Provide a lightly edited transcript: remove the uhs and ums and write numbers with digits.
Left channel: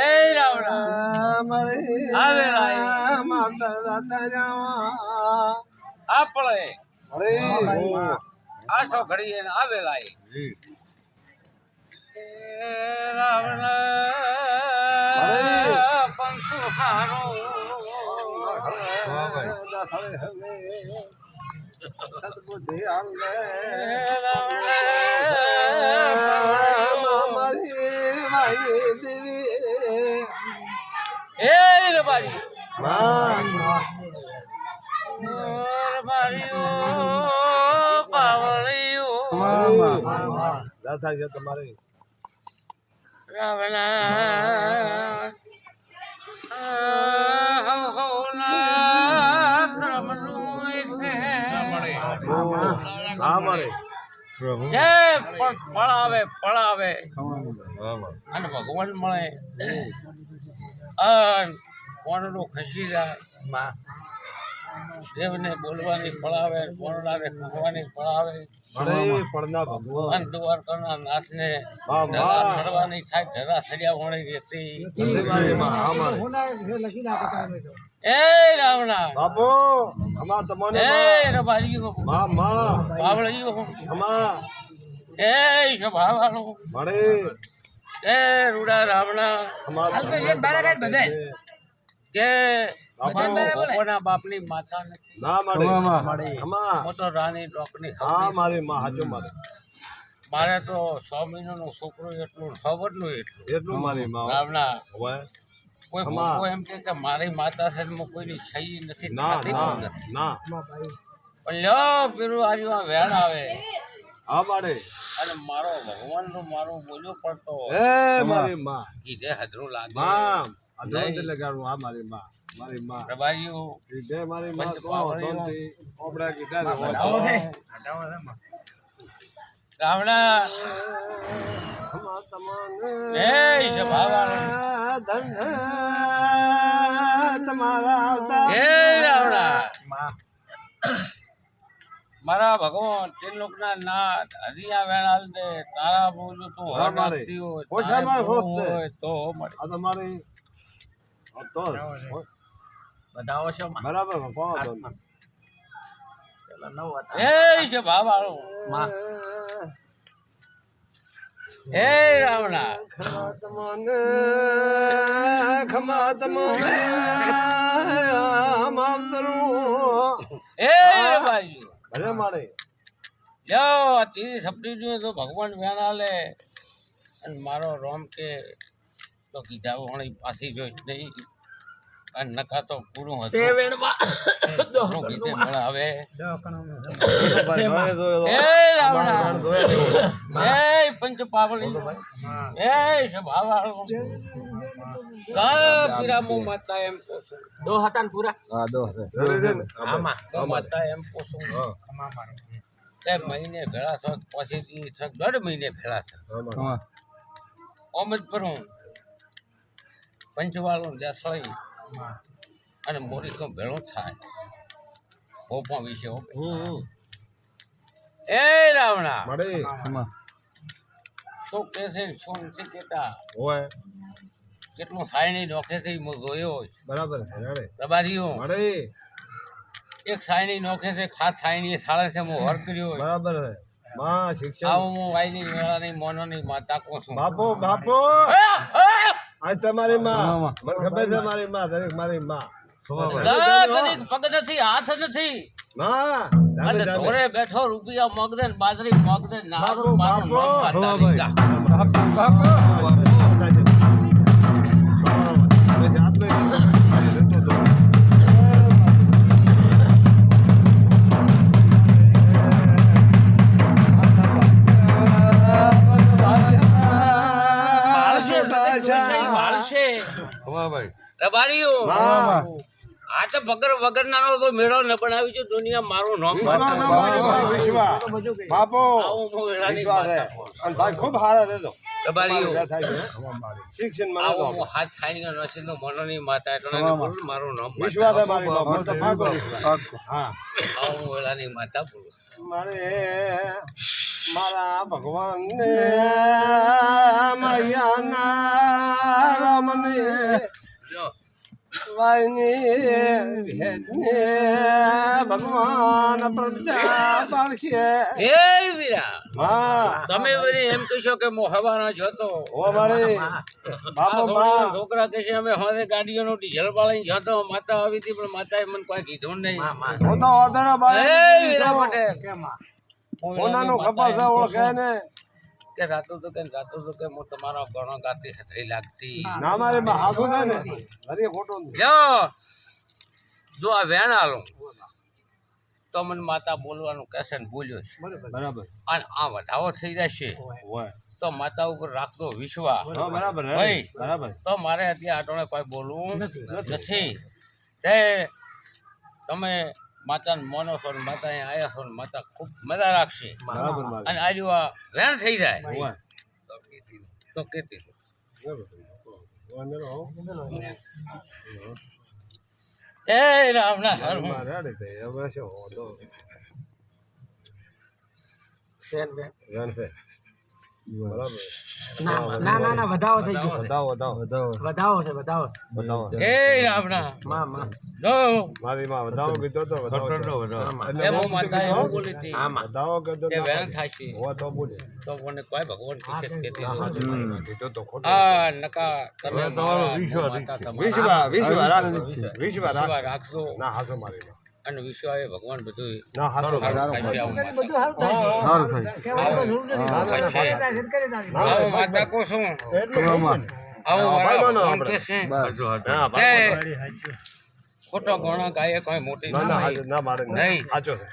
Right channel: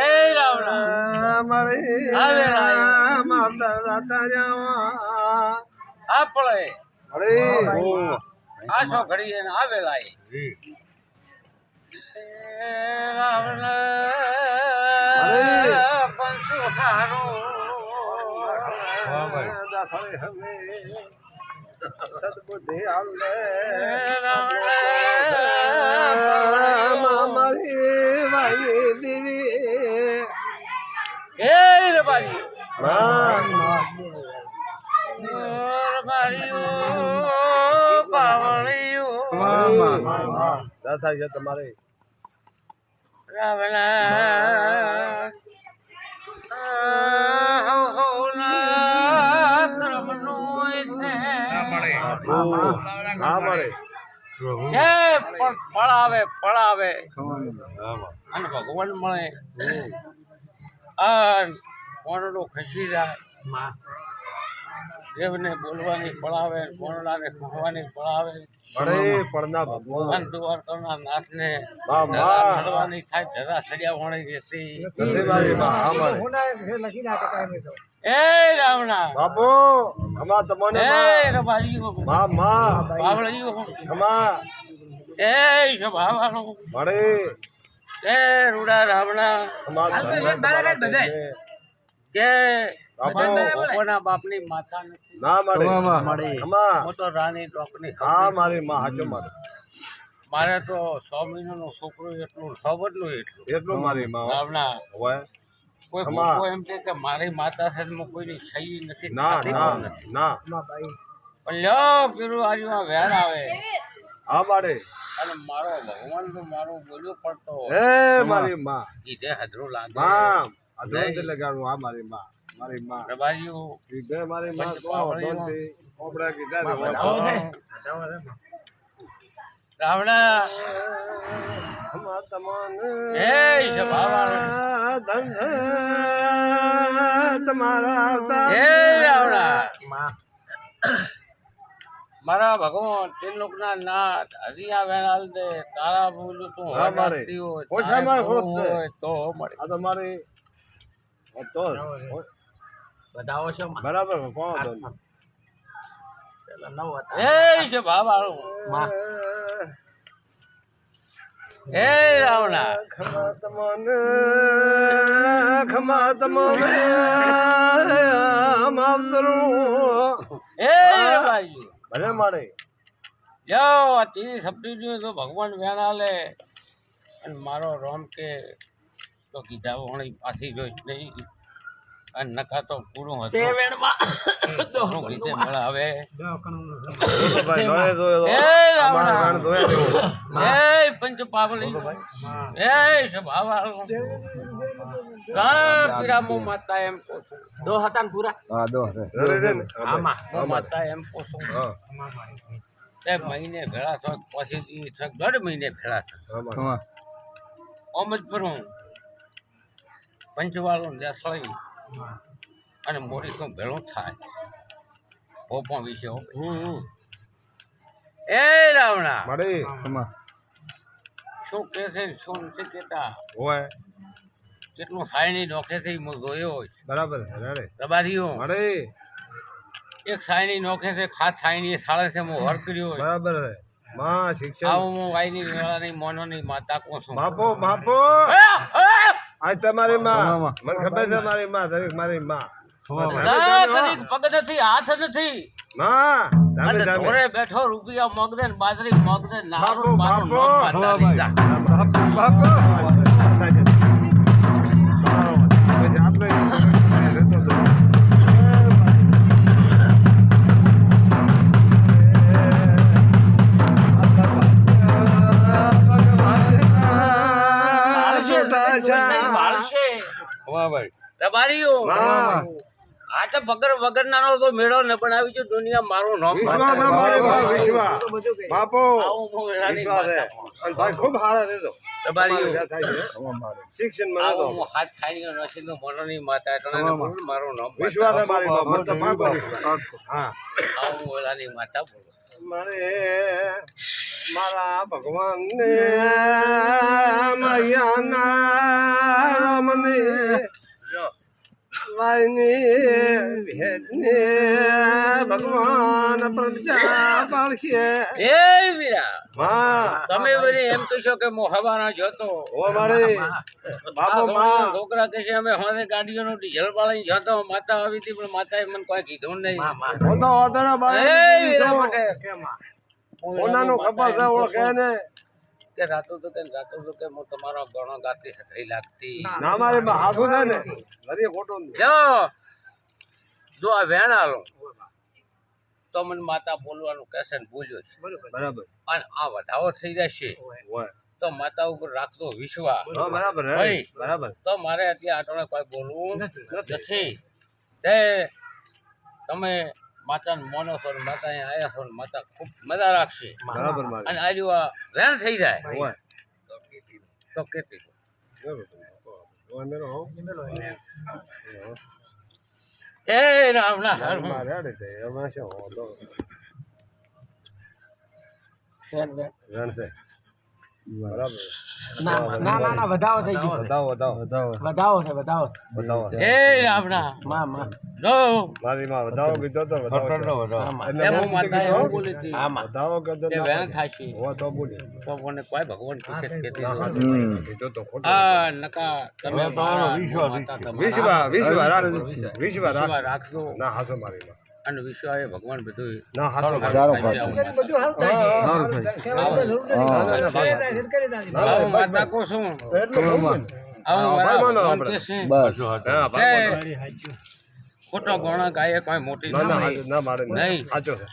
એ રાવણા મળી આવે લાય માવતર દાતા જાવા આપણે મળી આસો ઘડીએ ને આવે લાય રાવણ પંચુ હારો દાખલે હવે સદબુદ્ધિ આવલે મારી વાઈ દેવી એ રબારી દાતા છે તમારે રાવણ પળાવે પળાવે અને ભગવાન મળે કોનડું ખસી જાય દેવને બોલવાની પળાવે કોનડાને ખસવાની પળાવે પડના ભગવાન દ્વારકાના નાથને ચડવાની થાય ધરા સડ્યા વણી દેતી એ રાવણા બાપુ અમા તમને એ રબારીઓ મા મા બાવળીઓ અમા એ સભાવાળો મળે એ રૂડા રાવણા અમા કે કોના બાપની માતા નથી ના મળે અમા હું તો રાની ડોકની હા મારી માં હાચો મારે મારે તો 6 મહિનાનો છોકરો એટલું ખબરનું એટલું મારી માં રાવણા હોય કોઈ મોકો એમ કે મારી માતા છે હું કોઈની છઈ નથી ખાતી પણ નથી ના પણ લ્યો પેલું આજુ વેણ આવે આ મારે અને મારો ભગવાન નું મારું બોલ્યો પડતો એ મારી માં કીધે હદરું લાગે માં અધોંતે લગાડું આ મારી માં મારી માં રબારીઓ કીધે મારી માં તો અધોંતે ઓપડા કીધા રાવણા અમા તમન એ સભાવાળો તમારા એ રાવણા મારા ભગવાન તે લોકના નાથ હરિયા વેણાલ દે તારા બોલું તું હરતી હોય તો મળે આ તમારી તો બધાઓ છો બરાબર કોણ હતો એ છે ભાવાળો એ રાવણા ખમા તમને માવતરું એ ભાઈ ભલે મારે લ્યો આ તીરી સપડી તો ભગવાન વેણા લે અને મારો રોમ કે તો કીધા વણી પાછી જોઈ નહીં અને નકા તો પૂરું હતું કીધે મળે હવે એ પંચ પાવળી એ સભાવાળો પીરામો માતા એમ પોછું દો હતા ને પૂરા હા દો આમાં દો માતા એમ પોછું એ મહિને ભેળા થક પછી થક 1.5 મહિને ભેળા થક ઓમ જ પર હું પંચવાળો દેસળી અને મોરી તો ભેળું થાય ઓપા વિશે એ રાવણા મળે શું કે છે શું નથી કેતા હોય કેટલું સાયણી નોખે છે હું જોયો બરાબર રબારીઓ મળે એક સાયણી નોખે છે ખાસ સાયણી સાળે છે હું હર કર્યો બરાબર માં શિક્ષણ આવું હું વાયની વેળાની મોનોની માતા કોણ છું બાપો બાપો આ તમારી માં મને ખબર છે મારી માં દરેક મારી માં પગ નથી હાથ નથી માં ધોરે બેઠો રૂપિયા મગદે ને બાજરી મગદે નારું મારું રબારીઓ આ તો વગર નાનો તો મેળો ન બનાવી છે દુનિયા મારું નામ બાપો ખૂબ હારા રહેજો રબારીઓ શિક્ષણ આવો હાથ થાય નથી તો મનોની માતા એટલે બોલું મારું નામ વિશ્વાસ મારી હા આવું વેળાની માતા બોલું મારે મારા ભગવાન ને મૈયાના રામને વાયની ભેજને ભગવાન પ્રજા પાળશે એ વીરા માં તમે વળી એમ કહેશો કે હું હવાના જોતો ઓ મારી આ બાપો થોડીના માં છોકરા કહે છે અમે હવે ગાડીઓનું ડીઝલ પાડીને જતો માતા આવી હતી પણ માતાએ મને કોઈ કીધું નહીં ઓતો ઓતણા એ બાળક વીરા માટે ઓનાનો ખબર છે ઓળખે ને કે રાતો તો કે હું તમારો ગણો ગાતી હતી લાગતી ના મારી માં હાથું છે ને હરી ખોટું નહીં. જો આ વેણ આલો તો મને માતા બોલવાનું કહેશે ને બોલ્યો છે બરાબર અને આ વધાવો થઈ જશે હોય તો માતા ઉપર રાખતો વિશ્વાસ હા બરાબર હે. ભાઈ. બરાબર તો મારે અત્યારે આટોને કોઈ બોલવું નથી તે તમે માતાને મોનો છો ને માતા અહીંયા આવ્યા છો ને માતા ખૂબ મજા રાખશે બરાબર મારી અને આ જેવા વેણ થઈ જાય હોય તો કેતી હોય મેરો હો એ રામ ના હર મારે આડે તે હવે શું હોતો જાણ છે બરાબર ના વધાવો થઈ ગયો વધાવો વધાવો છે વધાવો વધાવો એ રામ ના માં જો મારી માં વધાવો કીધો તો વધાવો એ હું માતા એવું બોલી હતી વધાવો કીધો કે વેણ થશે હો તો બોલી તો મને કોઈ ભગવાન કીધે કેતી કીધો તો ખોટું આ નકા તમે મારા માતા તમારા વિશ્વ રાખજો ના હાસો મારી માં અને વિશ્વ એ ભગવાન બધું ના હાસો આવું માતા કો શું આવું મારા ભગવાન કે છે કે ખોટો ગોણા ગાય કોઈ મોટી ના મારે નહીં સાચો છે